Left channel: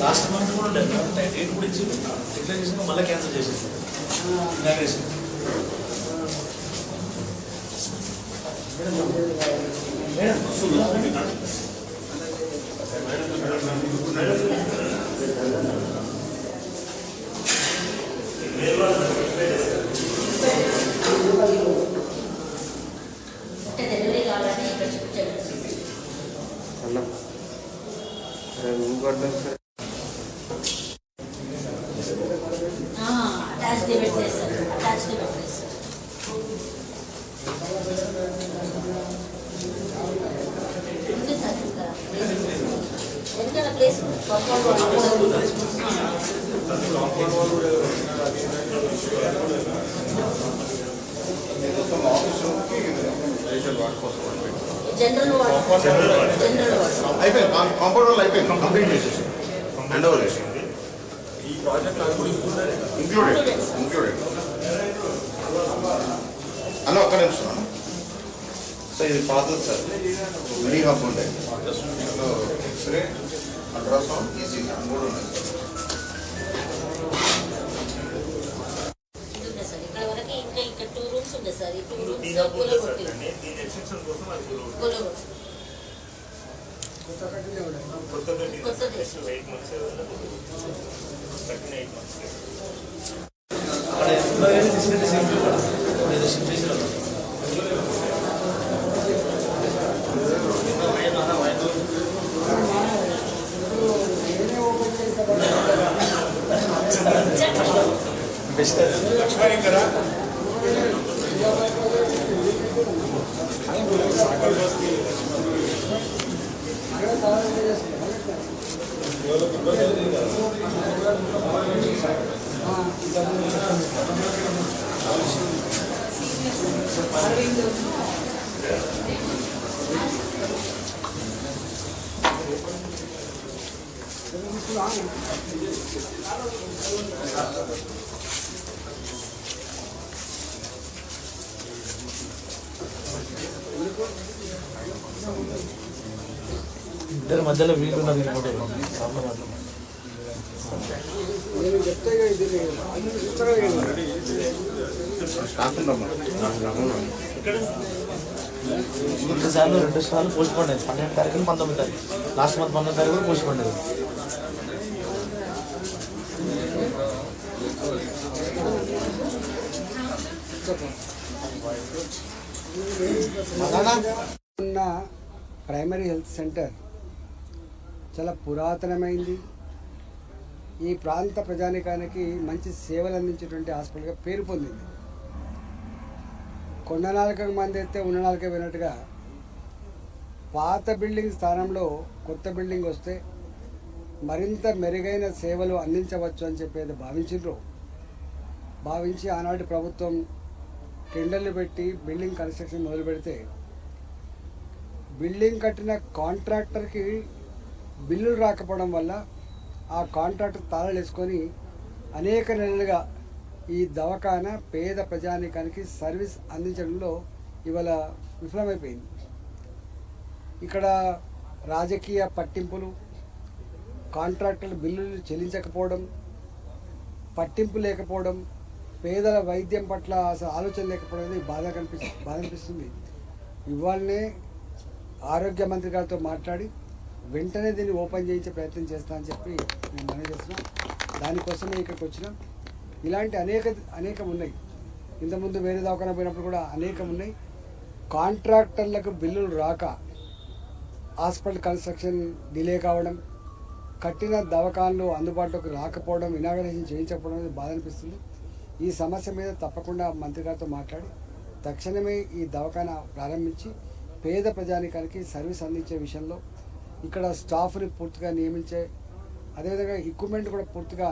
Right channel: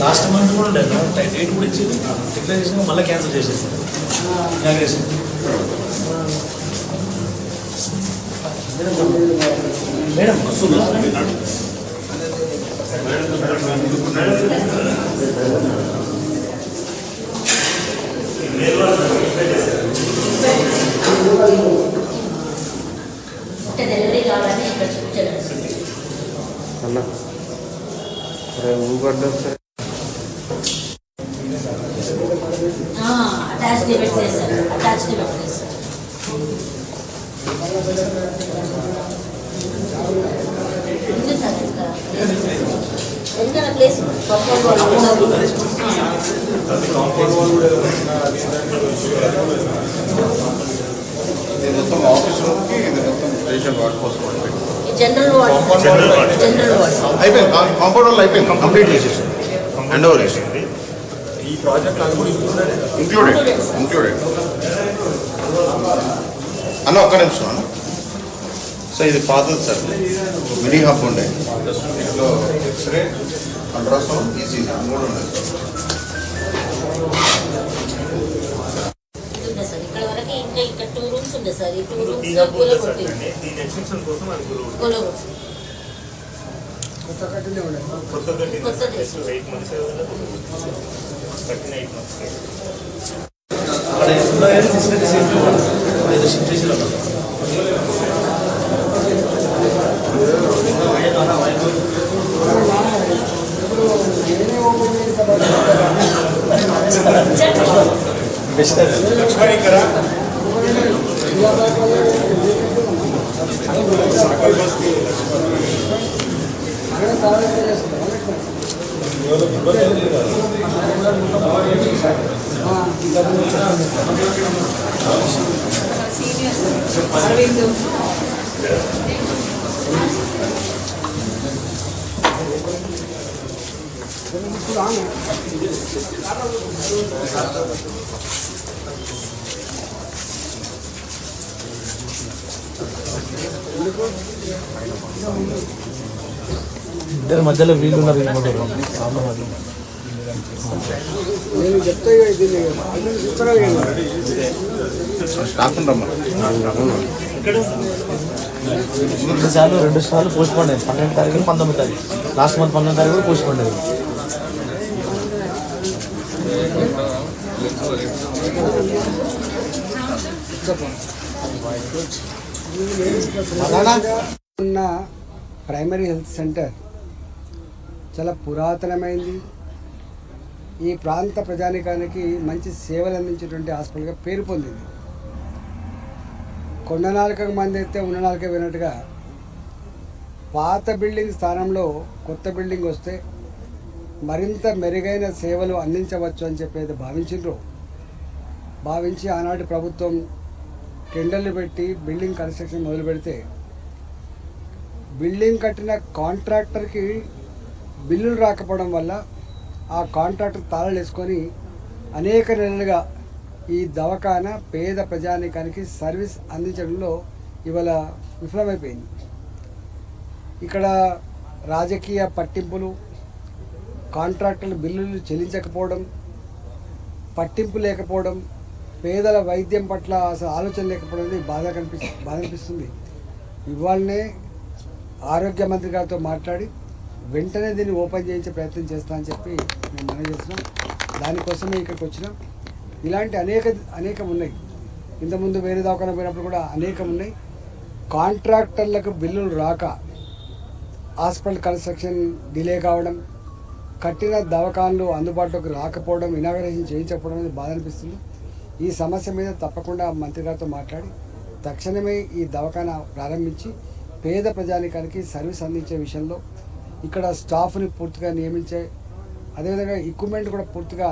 Last month కూడా లేదు date కూడా ఇచ్చింది డిక్లేర్ చేసిన మళ్ళీ క్యాన్సిల్ చేసేసి ఇనాగ్రేషన్ మేడం డెలివరీ కావాలని ఇక్కడ చూపించారు అన్న అటాచ్ డిబెట్ చేస్తారు అటాచ్ డిబెట్ చేస్తారు ఉంది సార్ ఎందుకన్నా ప్లేస్ జనరల్ వార్డ్ అయిపోయింది కాంపౌండ్ వాళ్ళు అయిపోయింది కంప్లీట్ చేసేసి హ్యాండ్ ఓవర్ చేసింది ఈ ప్రాజెక్ట్ అది కూడా ఇంక్లూడెడ్ అన్న ఒక్క నిమిషం అన్న సార్ ఇది పాతది సార్ మినీ హబ్ ఉండే దీంట్లో ఎక్స్రే అల్ట్రాసౌండ్ ఈసీజీ 3 ఉన్నాయి సార్ ఇక్కడ వరకు ఇంకా ఇక్కడ 2 రూమ్స్ ఉంది సార్ ఈ 2 రూమ్స్ దీని ఎక్స్టెన్షన్ కోసం అది కొత్త కట్టిన 8 మంత్స్ కట్టిన 8 మంత్స్ అక్కడ ఎంప్లాయర్ ఫెసిలిటీస్ ఏంటో షిఫ్ట్ చేసి ఇద్దరి మధ్యలో వీళ్ళు ఉన్నారు నేను చెప్తా రెండు సార్లు పోస్ట్ పోండి 12 తారీఖు 19 తారీఖు లాస్ట్ మంత్ 19 తారీఖు కూడా పోస్ట్ పోండి ఉన్న ప్రైమరీ హెల్త్ సెంటర్ చాలా పురాతనమైంది. ఈ ప్రాంత ప్రజానికానికి మంచి సేవలు అందించేటువంటి హాస్పిటల్గా పేరు పొందింది. కొండ నాలుక మంది అయితే ఉన్న నాలుక వినట్టుగా పాత బిల్డింగ్ స్థానంలో కొత్త బిల్డింగ్ వస్తే మరింత మెరుగైన సేవలు అందించవచ్చు అని చెప్పేది భావించి ఆనాటి ప్రభుత్వం టెండర్లు పెట్టి బిల్డింగ్ కన్స్ట్రక్షన్ మొదలు పెడితే బిల్డింగ్ కట్టిన కాంట్రాక్టర్కి బిల్లులు రాకపోవడం వల్ల ఆ కాంట్రాక్టర్ తాళాలు వేసుకొని అనేక నెలలుగా ఈ దవాఖానా పేద ప్రజానీకానికి సర్వీస్ అందించడంలో ఇవాళ విఫలమైపోయింది. ఇక్కడ రాజకీయ పట్టింపులు, కాంట్రాక్టుల బిల్లులు చెల్లించకపోవడం, పట్టింపు లేకపోవడం, పేదల వైద్యం పట్ల అసలు ఆలోచన లేకపోవడం అనేది బాధ అనిపిస్తుంది. ఇవాళనే ఆరోగ్య మంత్రి గారితో మాట్లాడి వెంటనే దీన్ని ఓపెన్ చేయించే ప్రయత్నం చేస్తా అని చెప్పి మేము మనం చేస్తున్నాం. దానికోసమే ఇక్కడికి వచ్చినాం. ఇలాంటి అనేకం ఉన్నాయి. ఇంతకుముందు వేరే దవాఖాన పోయినప్పుడు కూడా అనేకం ఉన్నాయి. కాంట్రాక్టర్లకు బిల్లులు రాక హాస్పిటల్ కన్స్ట్రక్షన్ డిలే కావడం, కట్టిన దవాఖానలు అందుబాటులోకి రాకపోవడం, ఇనాగరేషన్ చేయించకపోవడం అనేది బాధ అనిపిస్తుంది. ఈ సమస్య మీద తప్పకుండా మంత్రి గారితో మాట్లాడి తక్షణమే ఈ దవాఖానా ప్రారంభించి పేద ప్రజానికానికి సర్వీస్ అందించే విషయంలో ఇక్కడ స్టాఫ్ని పూర్తిగా నియమించే, అదేవిధంగా ఎక్విప్మెంట్ కూడా పూర్తిగా